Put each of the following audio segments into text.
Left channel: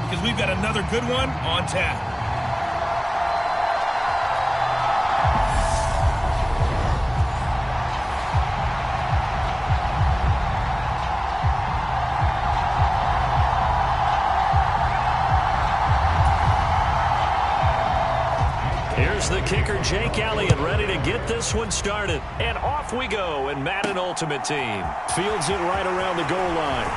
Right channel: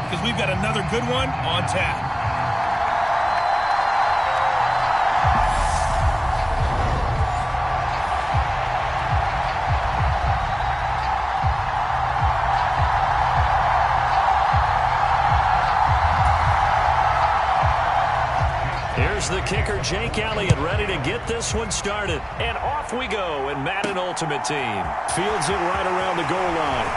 wait because we've got another good one on tap. Here's the kicker, Jake Elliott, ready to get this one started. And off we go in Madden Ultimate Team. Fields it right around the goal line.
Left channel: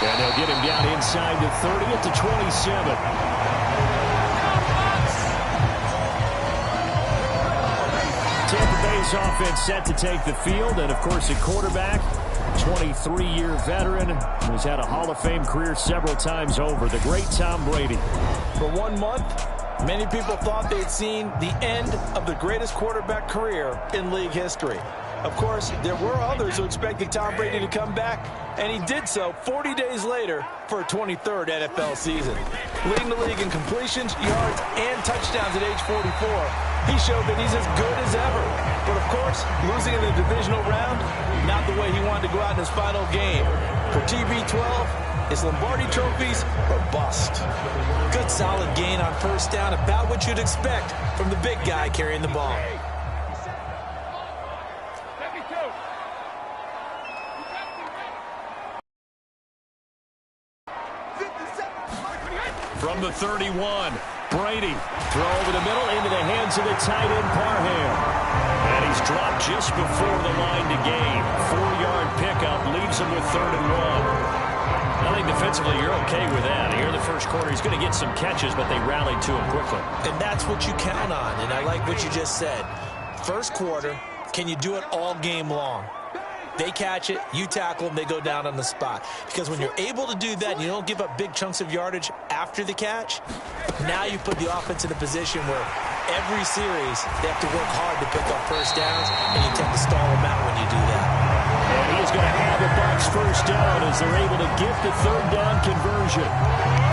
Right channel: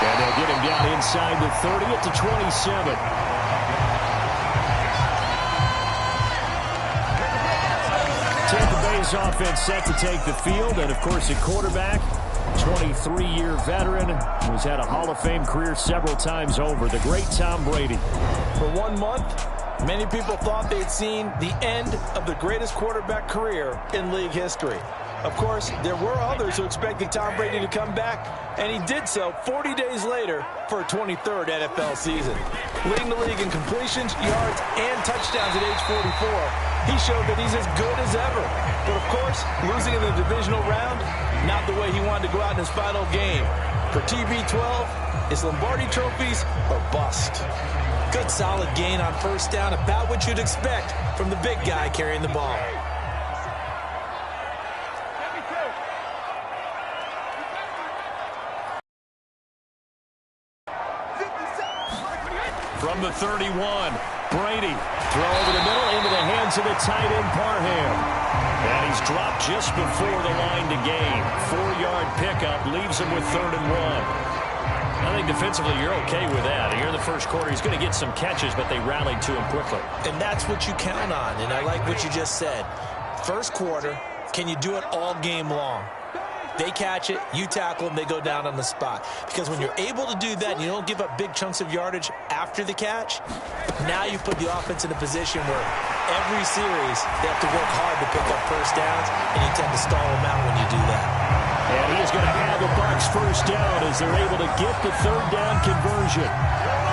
And they'll get him down inside the 30 at the 27. Tampa Bay's offense set to take the field. And, of course, a quarterback, 23-year veteran, who's had a Hall of Fame career several times over, the great Tom Brady. For 1 month, many people thought they'd seen the end of the greatest quarterback career in league history. Of course, there were others who expected Tom Brady to come back, and he did so 40 days later for a 23rd NFL season. Leading the league in completions, yards, and touchdowns at age 44, he showed that he's as good as ever. But, of course, losing in the divisional round, not the way he wanted to go out in his final game. For TB12, it's Lombardi trophies or bust. Good solid gain on first down, about what you'd expect from the big guy carrying the ball. From the 31, Brady, throw over the middle into the hands of the tight end Parham. And he's dropped just before the line to gain. 4-yard pickup leaves him with 3rd and 1. I think defensively you're okay with that. Here in the first quarter, he's going to get some catches, but they rallied to him quickly. And that's what you count on, and I like what you just said. First quarter, can you do it all game long? They catch it, you tackle them, they go down on the spot. Because when you're able to do that and you don't give up big chunks of yardage after the catch, now you put the offense in a position where every series they have to work hard to pick up first downs, and you tend to stall them out when you do that. And he is going to have a Bucs first down as they're able to get the 3rd down conversion.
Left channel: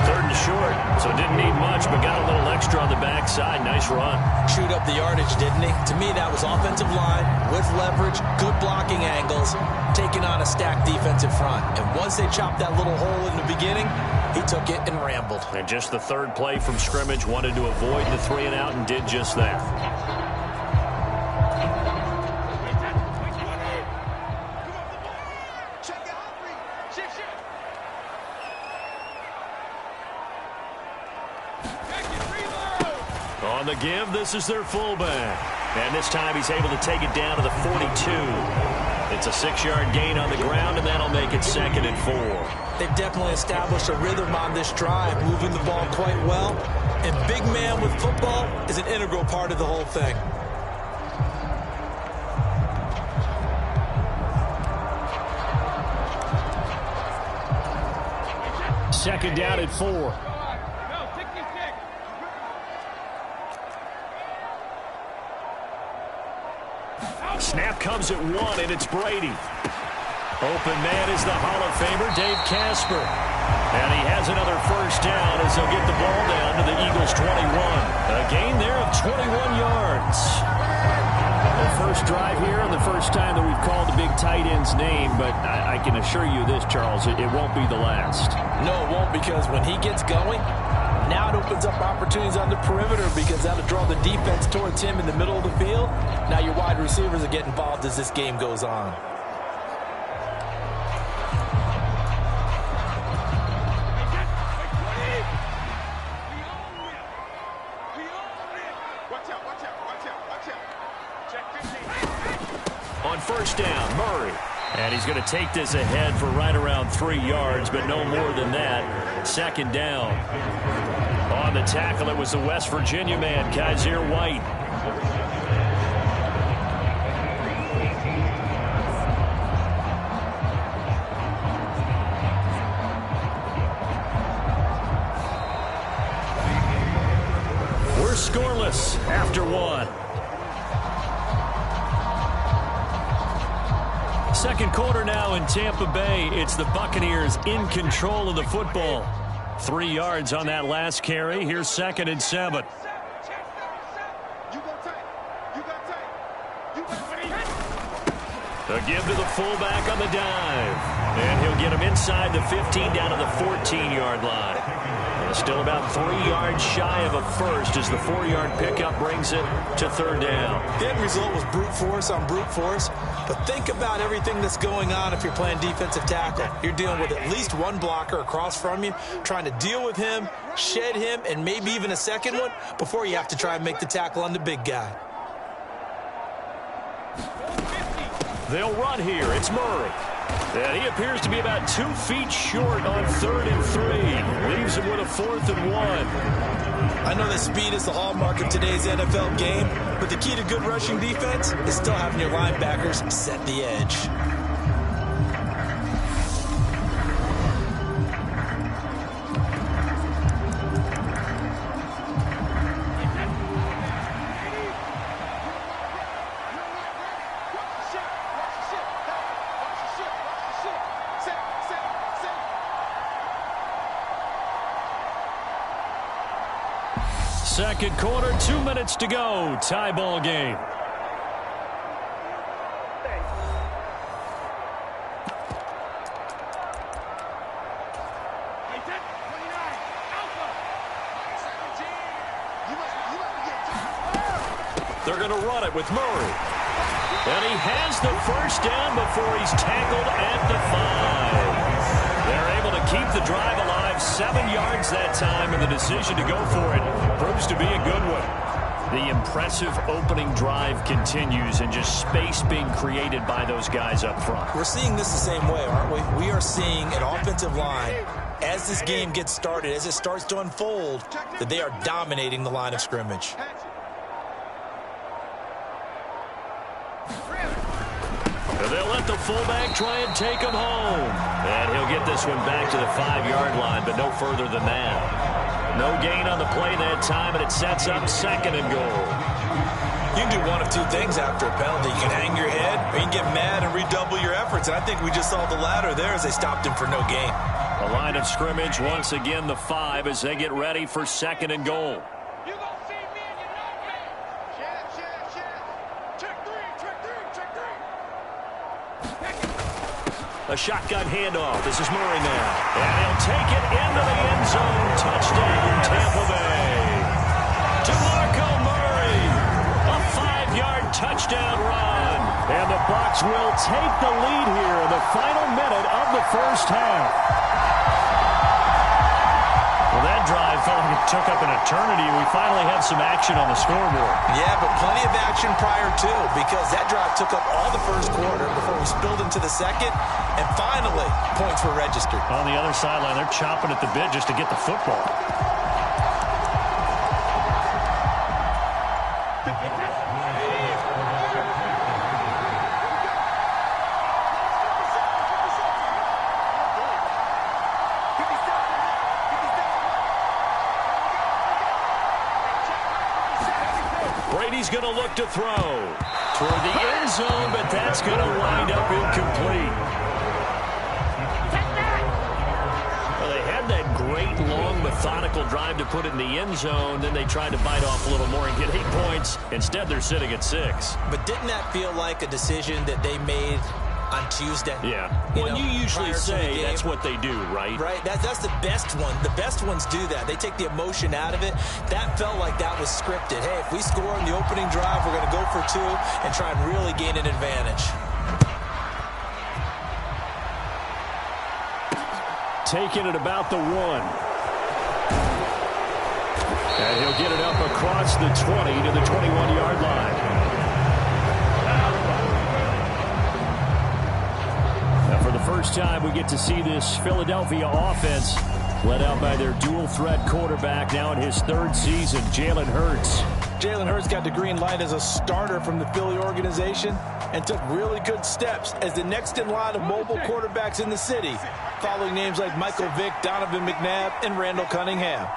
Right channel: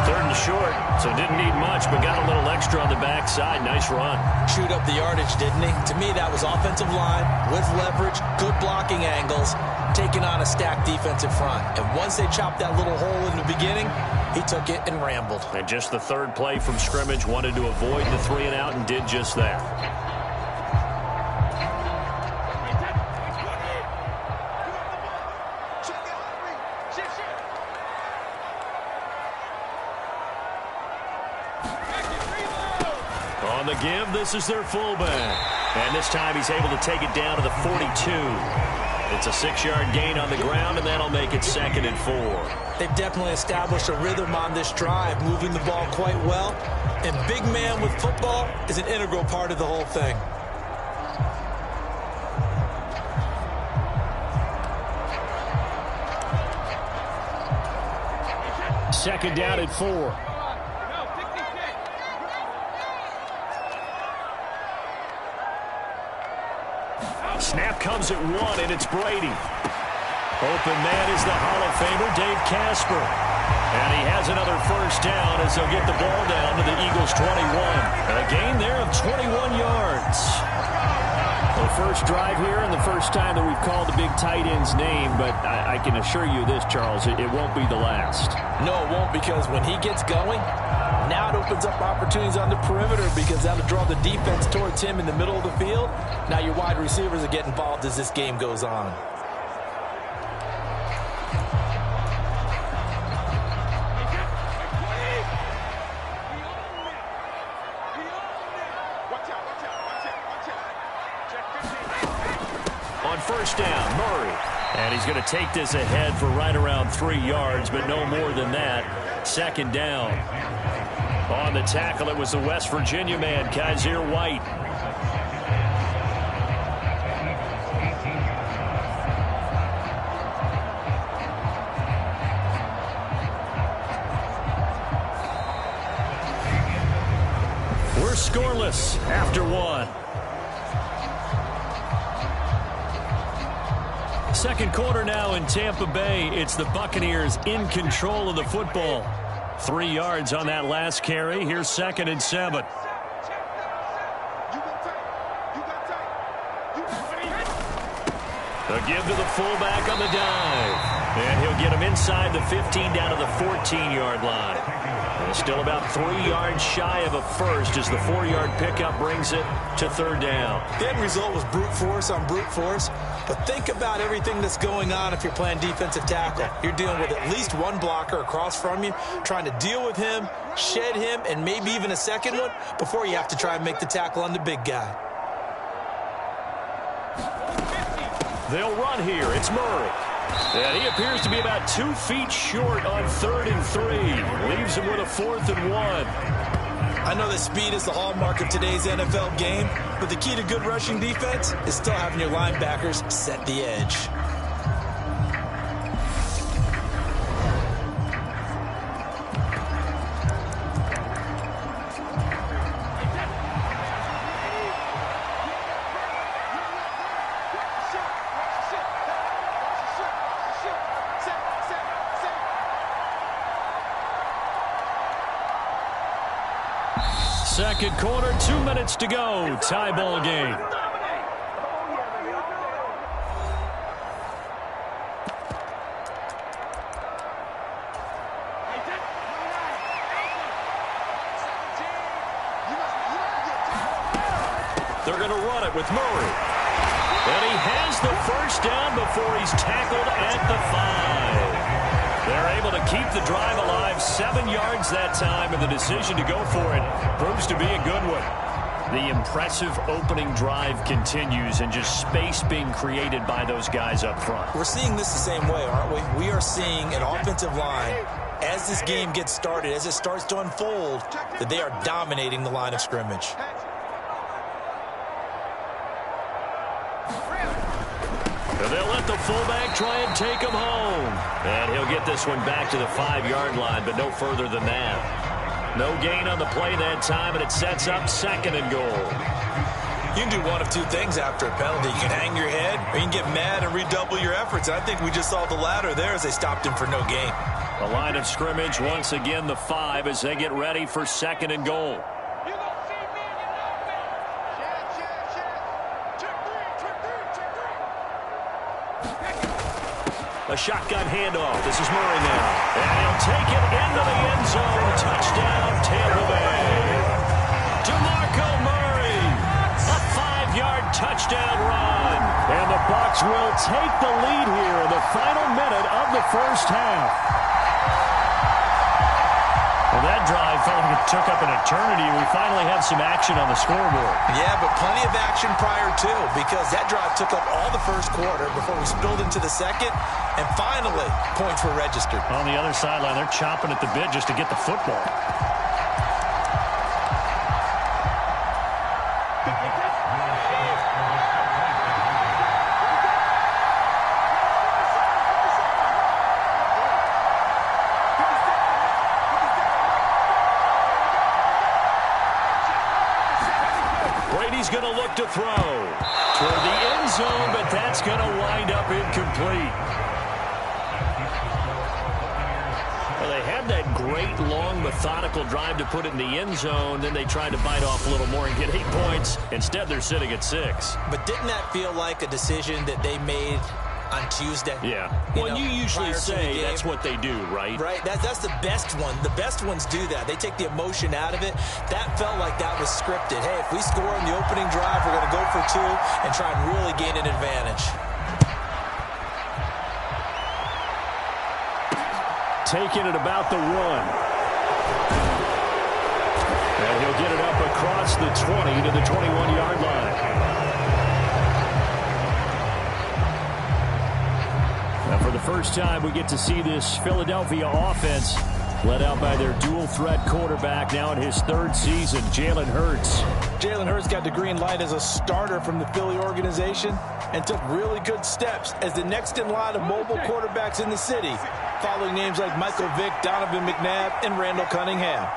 3rd and short, so didn't need much, but got a little extra on the backside. Nice run. Chewed up the yardage, didn't he? To me, that was offensive line with leverage, good blocking angles, taking on a stacked defensive front. And once they chopped that little hole in the beginning, he took it and rambled. And just the 3rd play from scrimmage, wanted to avoid the 3 and out and did just that. On the give, this is their fullback. And this time he's able to take it down to the 42. It's a 6-yard gain on the ground, and that'll make it 2nd and 4. They've definitely established a rhythm on this drive, moving the ball quite well. And big man with football is an integral part of the whole thing. Second down at 4. Snap comes at 1, and it's Brady. Open man is the Hall of Famer, Dave Casper. And he has another first down as they'll get the ball down to the Eagles' 21. A gain there of 21 yards. The first drive here and the first time that we've called the big tight end's name, but I can assure you this, Charles, it won't be the last. No, it won't, because when he gets going, now it opens up opportunities on the perimeter because that'll draw the defense towards him in the middle of the field. Now your wide receivers will get involved as this game goes on. On first down, Murray. And he's going to take this ahead for right around 3 yards, but no more than that. 2nd down. On the tackle, it was the West Virginia man, Kaiser White. We're scoreless after 1. Second quarter now in Tampa Bay. It's the Buccaneers in control of the football. 3 yards on that last carry. Here's 2nd and 7. A give to the fullback on the dive. And he'll get him inside the 15 down to the 14-yard line. And still about 3 yards shy of a first as the 4-yard pickup brings it to third down. The end result was brute force on brute force. But think about everything that's going on if you're playing defensive tackle. You're dealing with at least one blocker across from you, trying to deal with him, shed him, and maybe even a second one before you have to try and make the tackle on the big guy. They'll run here. It's Murray. And he appears to be about 2 feet short on 3rd and 3. Leaves him with a 4th and 1. I know that speed is the hallmark of today's NFL game, but the key to good rushing defense is still having your linebackers set the edge. Second quarter, 2 minutes to go. Tie ball game. They're going to run it with Murray. And he has the first down before he's tackled at the 5. They're able to keep the drive alive, 7 yards that time, and the decision to go for it proves to be a good one. The impressive opening drive continues, and just space being created by those guys up front. We're seeing this the same way, aren't we? We are seeing an offensive line, as this game gets started, as it starts to unfold, that they are dominating the line of scrimmage. And they'll let the fullback try and take him home. And he'll get this one back to the 5-yard line, but no further than that. No gain on the play that time, and it sets up 2nd and goal. You can do one of two things after a penalty. You can hang your head, or you can get mad and redouble your efforts. And I think we just saw the latter there as they stopped him for no gain. The line of scrimmage, once again, the 5 as they get ready for 2nd and goal. A shotgun handoff. This is Murray now. And he'll take it into the end zone. Touchdown, Tampa Bay. DeMarco Murray. A 5-yard touchdown run. And the Bucs will take the lead here in the final minute of the first half. Well, that drive felt like it took up an eternity. We finally have some action on the scoreboard. Yeah, but plenty of action prior to, because that drive took up all the first quarter before we spilled into the second, and finally, points were registered. On the other sideline, they're chomping at the bit just to get the football. Brady's going to look to throw toward the end zone, but that's going to wind up incomplete. Well, they had that great, long, methodical drive to put it in the end zone. Then they tried to bite off a little more and get 8 points. Instead, they're sitting at 6. But didn't that feel like a decision that they made on Tuesday? Yeah. Well, you usually say that's what they do, right? Right. That's the best one. The best ones do that. They take the emotion out of it. That felt like that was scripted. Hey, if we score in the opening drive, we're going to go for 2 and try and really gain an advantage. Taking it about the 1. And he'll get it up across the 20 to the 21-yard line. Now, for the first time, we get to see this Philadelphia offense led out by their dual-threat quarterback now in his 3rd season, Jalen Hurts. Jalen Hurts got the green light as a starter from the Philly organization and took really good steps as the next in line of mobile quarterbacks in the city, following names like Michael Vick, Donovan McNabb, and Randall Cunningham.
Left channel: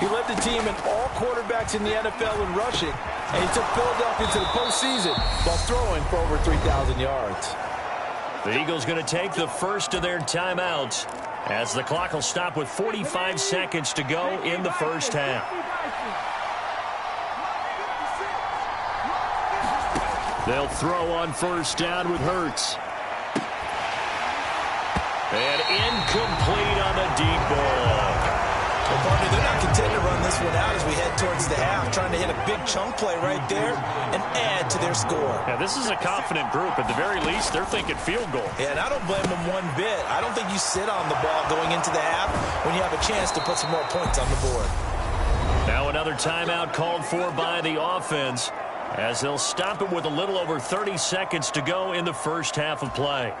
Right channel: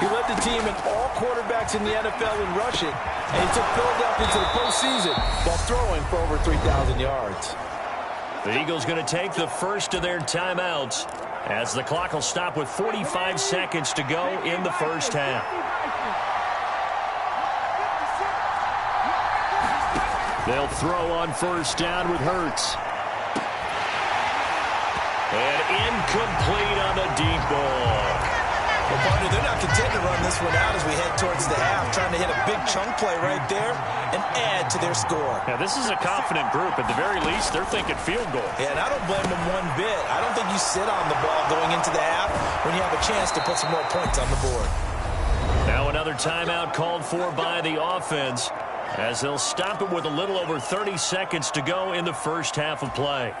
He led the team in all quarterbacks in the NFL in rushing, and he took Philadelphia to the postseason while throwing for over 3,000 yards. The Eagles going to take the first of their timeouts as the clock will stop with 45 seconds to go in the first half. They'll throw on first down with Hurts. And incomplete on the deep ball. Well, partner, they're not content to run this one out as we head towards the half, trying to hit a big chunk play right there and add to their score. Yeah, this is a confident group. At the very least, they're thinking field goal. Yeah, and I don't blame them one bit. I don't think you sit on the ball going into the half when you have a chance to put some more points on the board. Now another timeout called for by the offense as they'll stop it with a little over 30 seconds to go in the first half of play.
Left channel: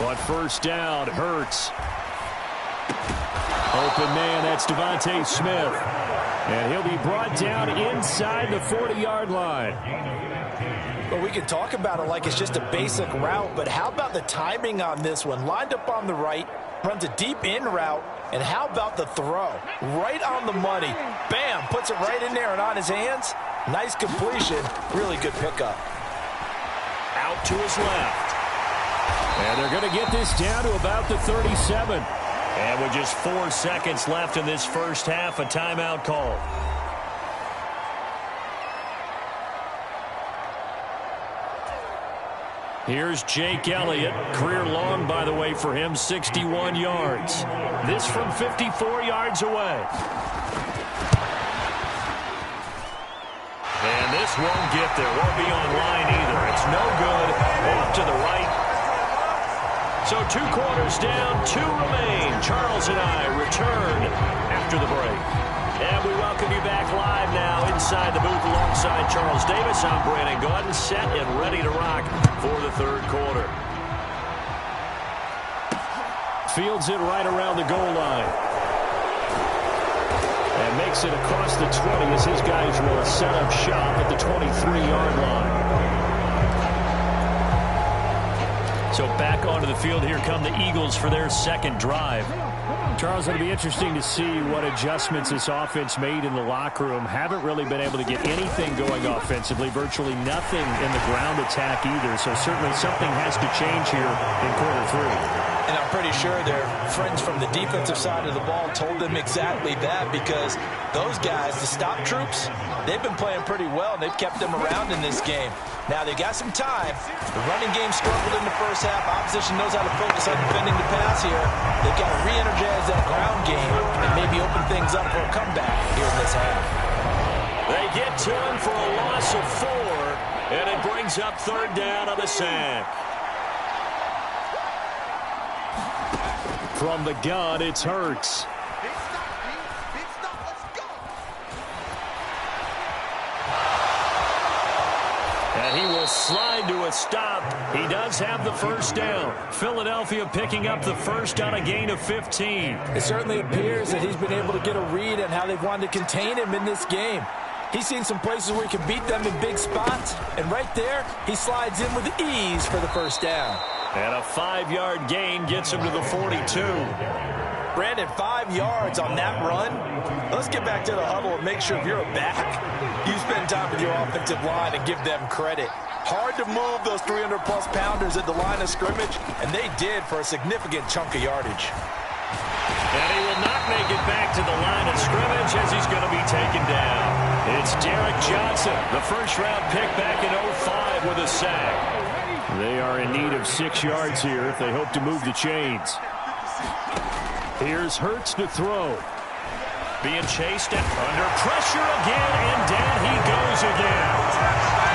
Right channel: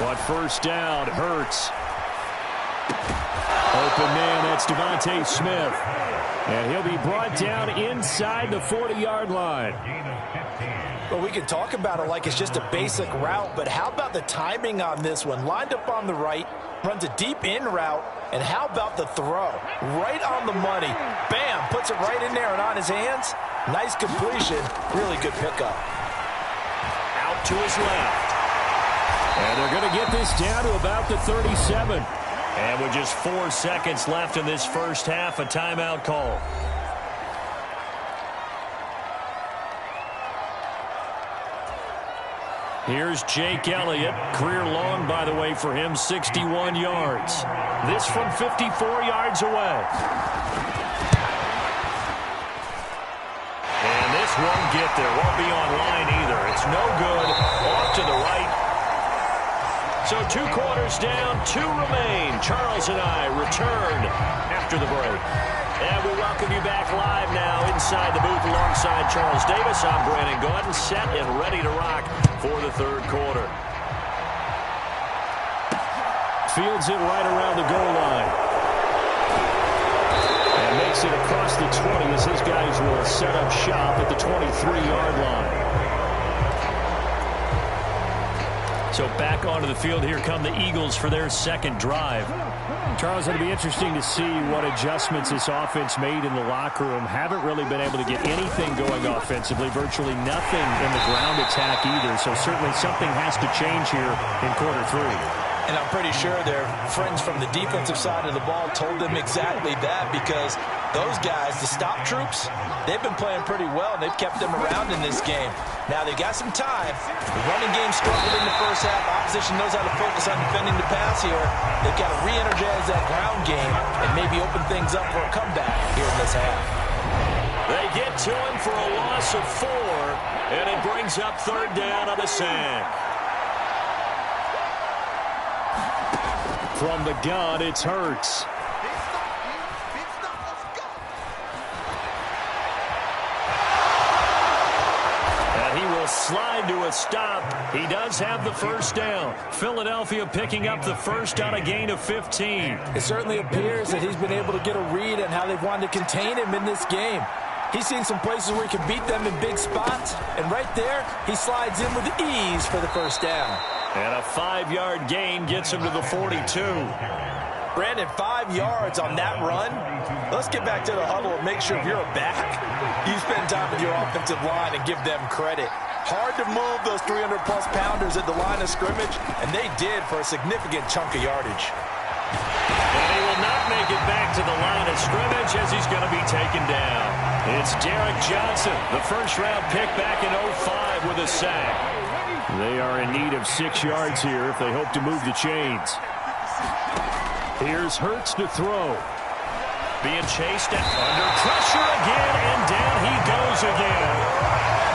But first down, Hurts. Open man, that's Devontae Smith. And he'll be brought down inside the 40-yard line. Well, we can talk about it like it's just a basic route, but how about the timing on this one? Lined up on the right, runs a deep in route, and how about the throw? Right on the money. Bam, puts it right in there and on his hands. Nice completion, really good pickup. Out to his left. And they're going to get this down to about the 37. And with just 4 seconds left in this first half, a timeout call. Here's Jake Elliott. Career long, by the way, for him, 61 yards. This from 54 yards away. And this won't get there. Won't be online either. It's no good. Off to the right. So 2 quarters down, 2 remain. Charles and I return after the break. And we welcome you back live now inside the booth alongside Charles Davis. I'm Brandon Gaudin, set and ready to rock for the third quarter. Fields it right around the goal line. And makes it across the 20 as his guys will set up shop at the 23-yard line. So back onto the field, here come the Eagles for their second drive. Charles, it'll be interesting to see what adjustments this offense made in the locker room. Haven't really been able to get anything going offensively, virtually nothing in the ground attack either. So certainly something has to change here in quarter 3. And I'm pretty sure their friends from the defensive side of the ball told them exactly that, because those guys, the stop troops, they've been playing pretty well, and they've kept them around in this game. Now, they've got some time. The running game struggled in the first half. Opposition knows how to focus on defending the pass here. They've got to re-energize that ground game and maybe open things up for a comeback here in this half. They get to him for a loss of 4, and it brings up third down on the sack. From the gun, it's Hurts. And he will slide to a stop. He does have the first down. Philadelphia picking up the first on a gain of 15. It certainly appears that he's been able to get a read on how they've wanted to contain him in this game. He's seen some places where he can beat them in big spots, and right there, he slides in with ease for the first down. And a 5-yard gain gets him to the 42. Brandon, 5 yards on that run. Let's get back to the huddle and make sure if you're a back, you spend time with your offensive line and give them credit. Hard to move those 300-plus pounders at the line of scrimmage, and they did for a significant chunk of yardage. And he will not make it back to the line of scrimmage as he's going to be taken down. It's Derek Johnson, the first-round pick back in 05 with a sack. They are in need of 6 yards here if they hope to move the chains. Here's Hurts to throw. Being chased under pressure again, and down he goes again.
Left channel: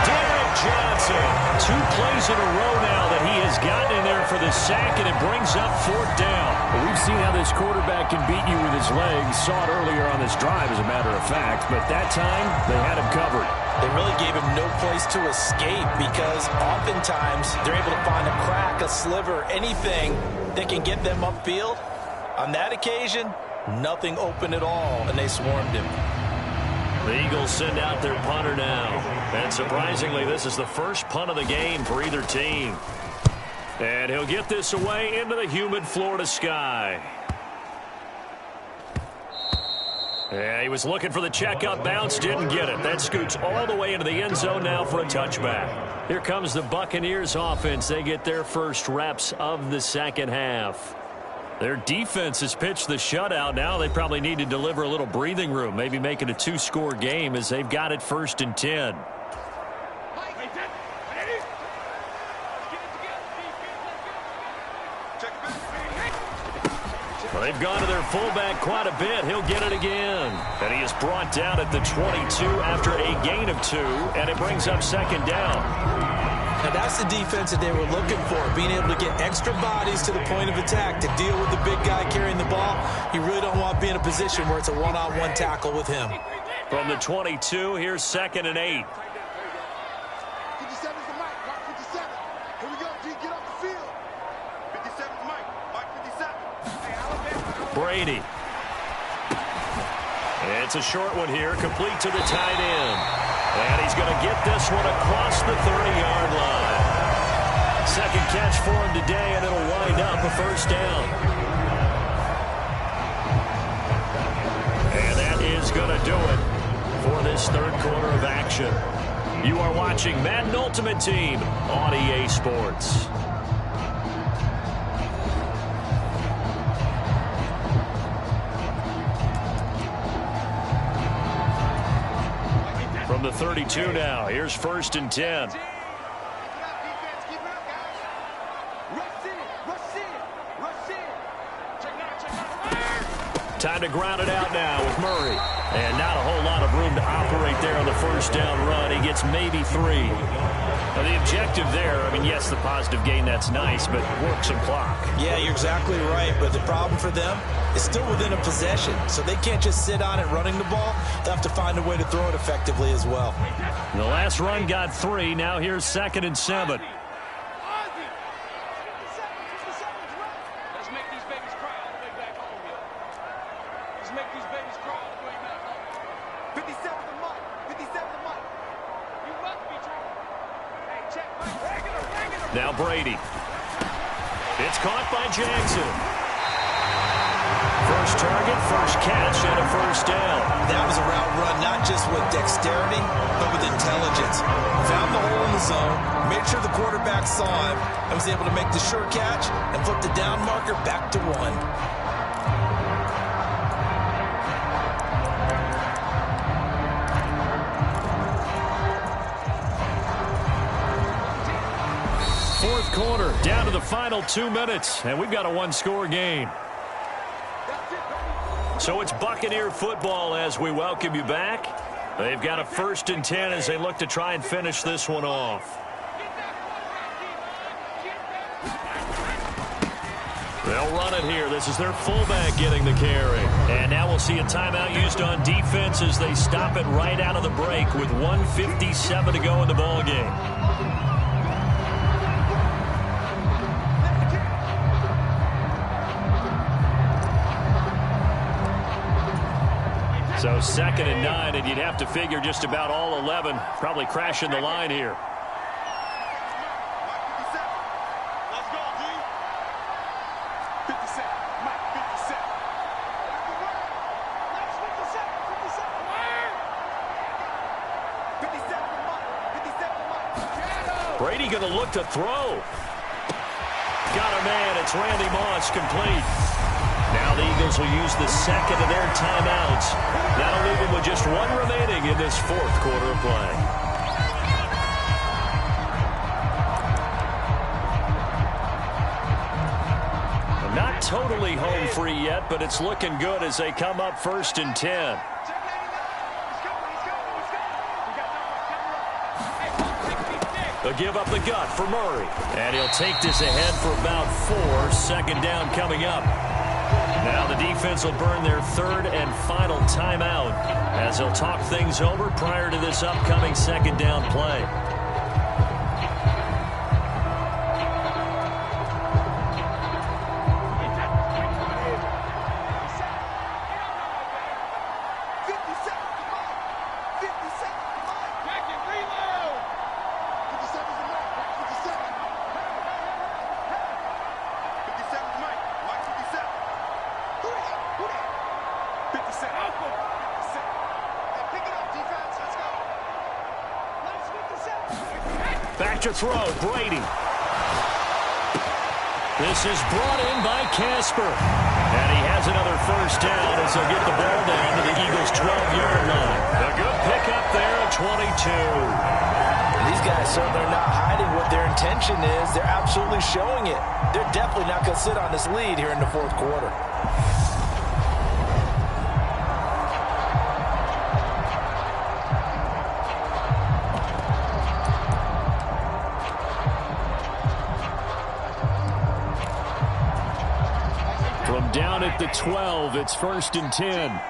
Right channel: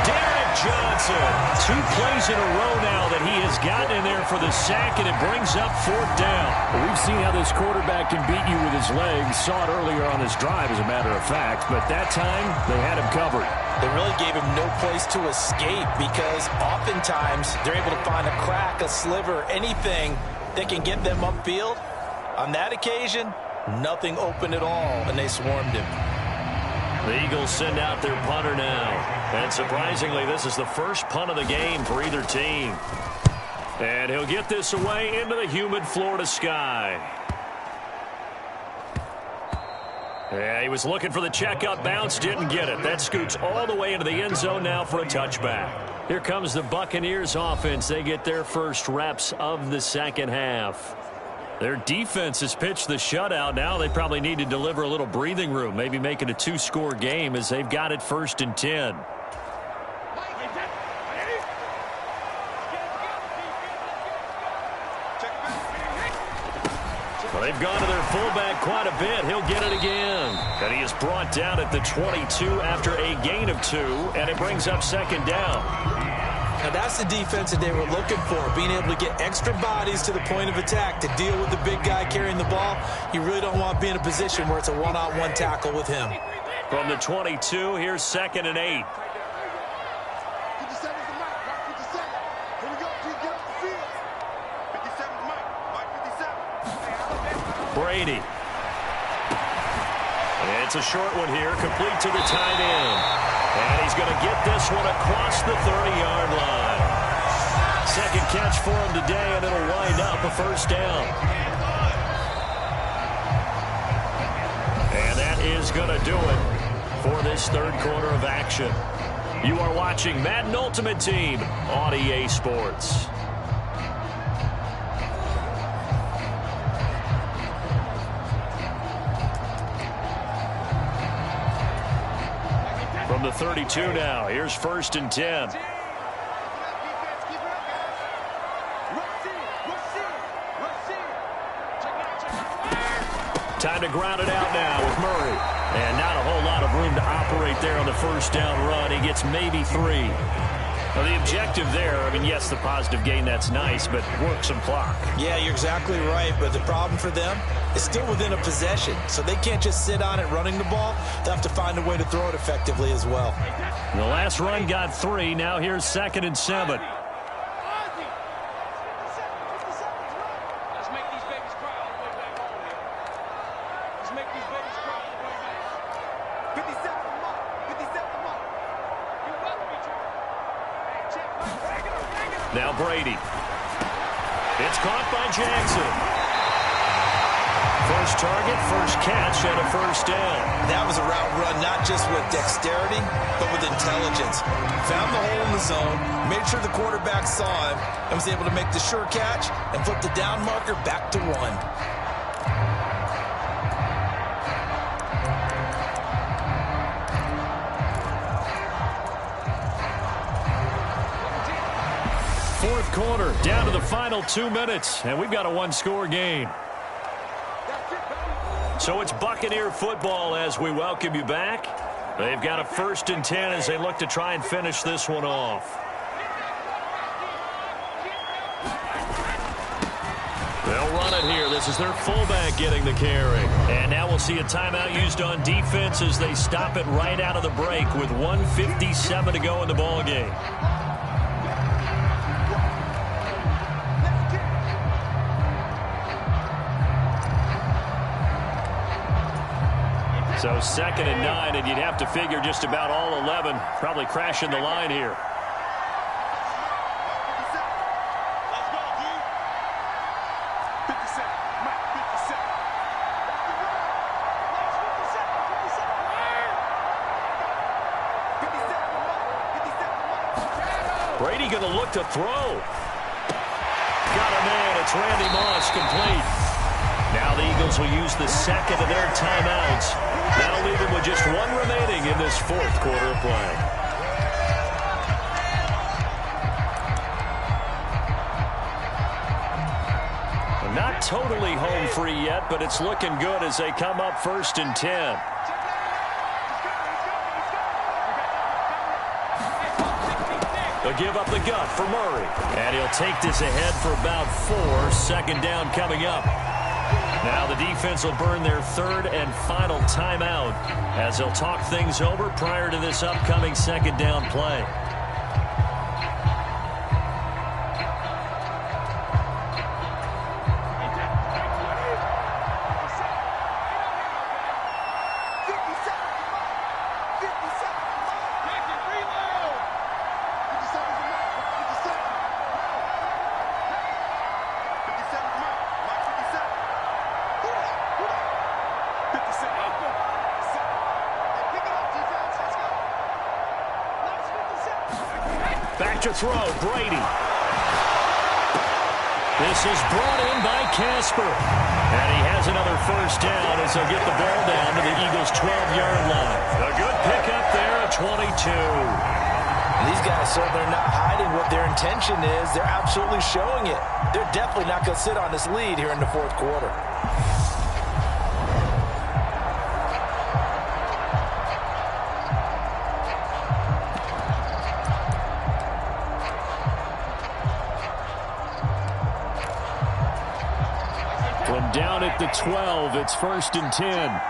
Derek Johnson, 2 plays in a row now that he has gotten in there for the sack, and it brings up fourth down. Well, we've seen how this quarterback can beat you with his legs. Saw it earlier on this drive, as a matter of fact, but that time they had him covered. They really gave him no place to escape, because oftentimes they're able to find a crack, a sliver, anything that can get them upfield. On that occasion, nothing open at all, and they swarmed him. The Eagles send out their punter now. And surprisingly, this is the first punt of the game for either team. And he'll get this away into the humid Florida sky. Yeah, he was looking for the checkup bounce, didn't get it. That scoots all the way into the end zone now for a touchback. Here comes the Buccaneers offense. They get their first reps of the second half. Their defense has pitched the shutout. Now they probably need to deliver a little breathing room, maybe make it a 2-score game as they've got it 1st and 10. Well, they've gone to their fullback quite a bit. He'll get it again. And he is brought down at the 22 after a gain of 2, and it brings up second down. Now, that's the defense that they were looking for, being able to get extra bodies to the point of attack to deal with the big guy carrying the ball. You really don't want to be in a position where it's a one-on-one tackle with him. From the 22, here's 2nd and 8. 57's the Mike, Mike 57. Here we go, G, get off the field. 57's Mike, Mike 57. Brady. It's a short one here, complete to the tight end. And he's going to get this one across the 30-yard line. Second catch for him today, and it'll wind up a first down. And that is going to do it for this third quarter of action. You are watching Madden Ultimate Team on EA Sports. From the 32 now, here's 1st and 10. Time to ground it out now with Murray. And not a whole lot of room to operate there on the first down run. He gets maybe 3. Now, the objective there, I mean, yes, the positive gain, that's nice, but work some clock. Yeah, you're exactly right, but the problem for them is still within a possession, so they can't just sit on it running the ball. They'll have to find a way to throw it effectively as well. The last run got 3. Now here's 2nd and 7. Let's make these babies cry all the way back home, yo. Let's make these babies cry all the way back home. 57 the Mike. 57 the Mike. You must be true. Hey, check Mike. Regular. Now Brady. It's caught by Jackson. First target, first catch, and a first down. That was a route run not just with dexterity, but with intelligence. Found the hole in the zone, made sure the quarterback saw him, and was able to make the sure catch and flip the down marker back to 1. Fourth quarter, down to the final 2 minutes, and we've got a one-score game. So it's Buccaneer football as we welcome you back. They've got a 1st and 10 as they look to try and finish this one off. They'll run it here. This is their fullback getting the carry. And now we'll see a timeout used on defense as they stop it right out of the break with 1:57 to go in the ballgame. So 2nd and 9, and you'd have to figure just about all 11 probably crashing the line here. Let's go, D. 57. Mike, 57. That's the run. Let's 57. 57 to Mike. 57 to Mike. Brady going to look to throw. Got a man. It's Randy Moss, complete. Now the Eagles will use the second of their timeouts. That'll leave them with just 1 remaining in this fourth quarter of play. Not totally home free yet, but it's looking good as they come up 1st and 10. They'll give up the gut for Murray. And he'll take this ahead for about 4. 2nd down coming up. Now the defense will burn their 3rd and final timeout as they'll talk things over prior to this upcoming 2nd down play. Back to throw, Brady. This is brought in by Casper. And he has another first down as they'll get the ball down to the Eagles' 12-yard line. A good pickup there at 22. These guys certainly are not hiding what their intention is. They're absolutely showing it. They're definitely not going to sit on this lead here in the fourth quarter. From down at the 12, it's 1st and 10.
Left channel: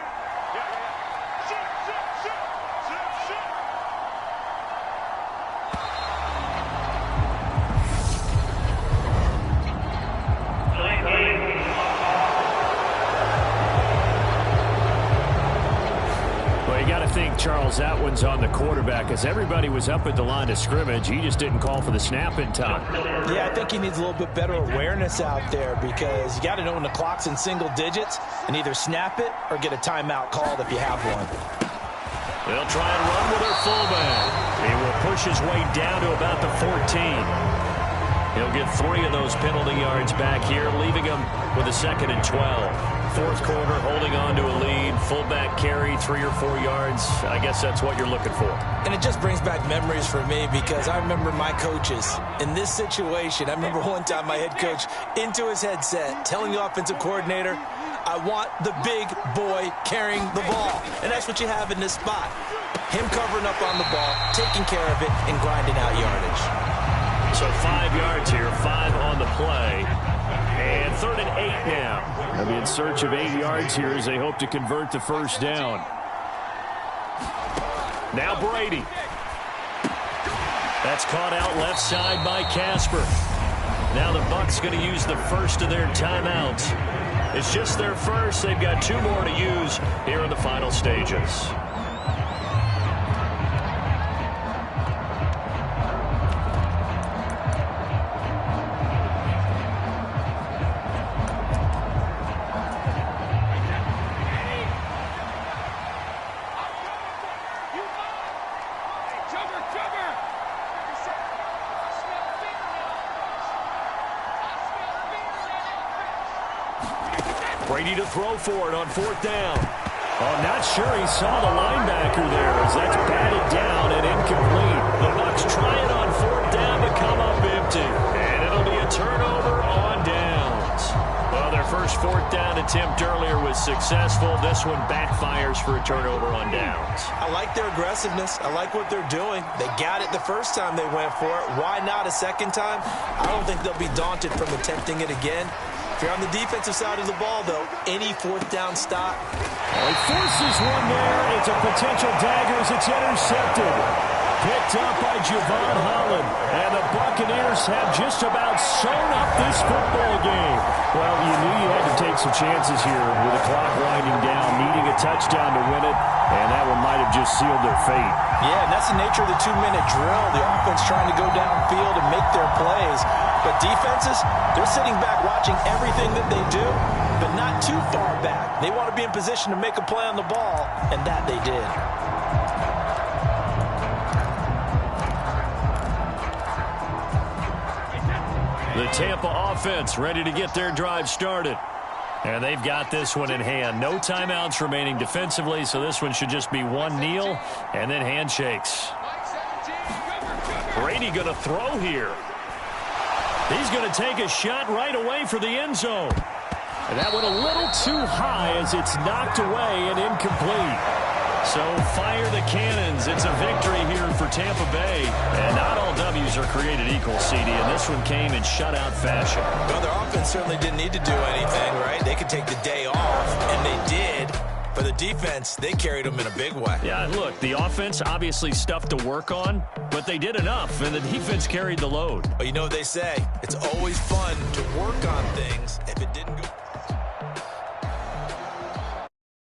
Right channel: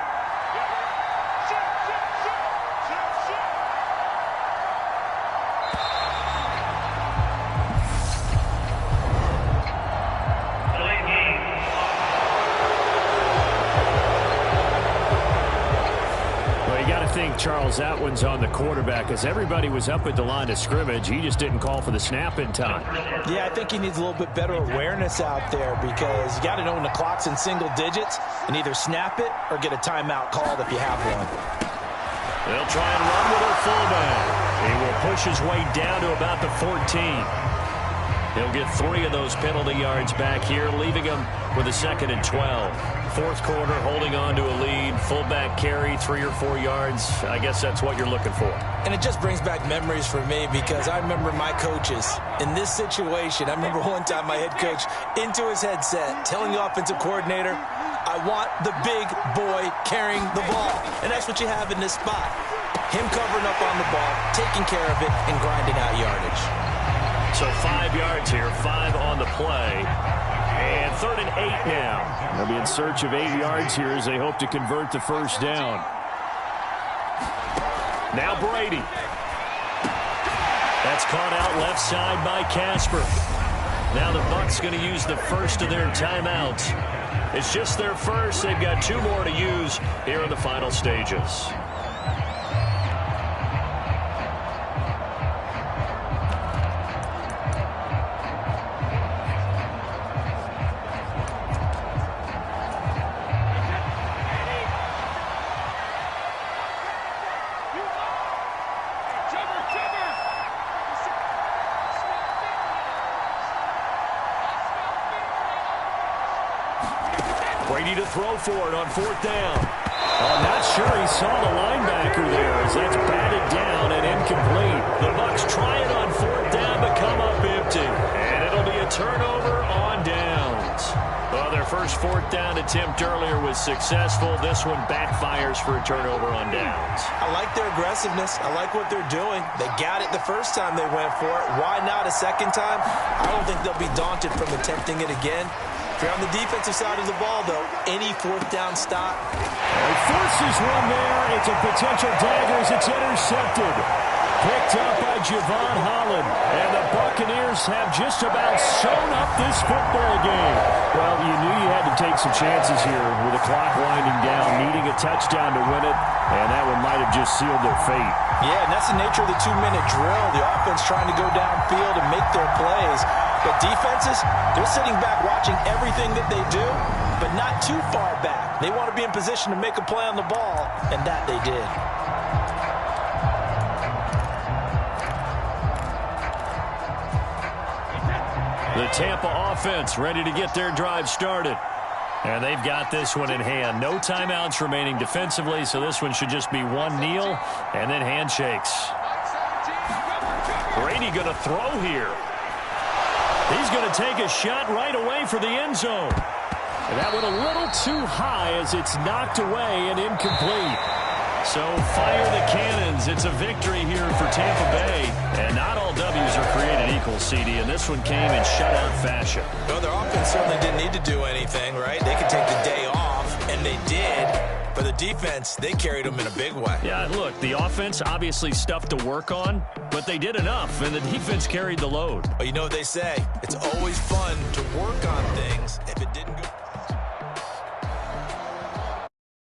I think, Charles, that one's on the quarterback as everybody was up at the line of scrimmage. He just didn't call for the snap in time. Yeah, I think he needs a little bit better awareness out there because you got to know when the clock's in single digits and either snap it or get a timeout called if you have one. They'll try and run with their fullback. He will push his way down to about the 14. He'll get 3 of those penalty yards back here, leaving him with a 2nd and 12. Fourth quarter, holding on to a lead. Fullback carry, 3 or 4 yards. I guess that's what you're looking for. And it just brings back memories for me because I remember my coaches in this situation. I remember one time my head coach into his headset telling the offensive coordinator, I want the big boy carrying the ball. And that's what you have in this spot. Him covering up on the ball, taking care of it, and grinding out yardage. So 5 yards here, 5 on the play. And 3rd and 8 now. They'll be in search of 8 yards here as they hope to convert the first down. Now Brady. That's caught out left side by Casper. Now the Bucs going to use the first of their timeouts. It's just their first. They've got 2 more to use here in the final stages. Brady to throw for it on 4th down. I'm not sure he saw the linebacker there as that's batted down and incomplete. The Bucs try it on 4th down but come up empty. And it'll be a turnover on downs. Well, their first 4th down attempt earlier was successful. This one backfires for a turnover on downs. I like their aggressiveness. I like what they're doing. They got it the first time they went for it. Why not a second time? I don't think they'll be daunted from attempting it again. If you're on the defensive side of the ball, though, any 4th down stop. Oh, he forces one there. It's a potential dagger as it's intercepted. Picked up by Javon Holland. And the Buccaneers have just about sewn up this football game. Well, you knew you had to take some chances here with the clock winding down, needing a touchdown to win it, and that one might have just sealed their fate. Yeah, and that's the nature of the 2-minute drill. The offense trying to go downfield and make their plays. But defenses, they're sitting back watching everything that they do, but not too far back. They want to be in position to make a play on the ball, and that they did. The Tampa offense ready to get their drive started. And they've got this one in hand. No timeouts remaining defensively, so this one should just be one kneel and then handshakes. Brady going to throw here. He's going to take a shot right away for the end zone. And that went a little too high as it's knocked away and incomplete. So fire the cannons. It's a victory here for Tampa Bay. And not all W's are created equal, CD, and this one came in shutout fashion. Well, their offense certainly didn't need to do anything, right? They could take the day off, and they did. For the defense, they carried them in a big way. Yeah, look, the offense obviously stuff to work on, but they did enough, and the defense carried the load. Well, you know what they say. It's always fun to work on things if it didn't go...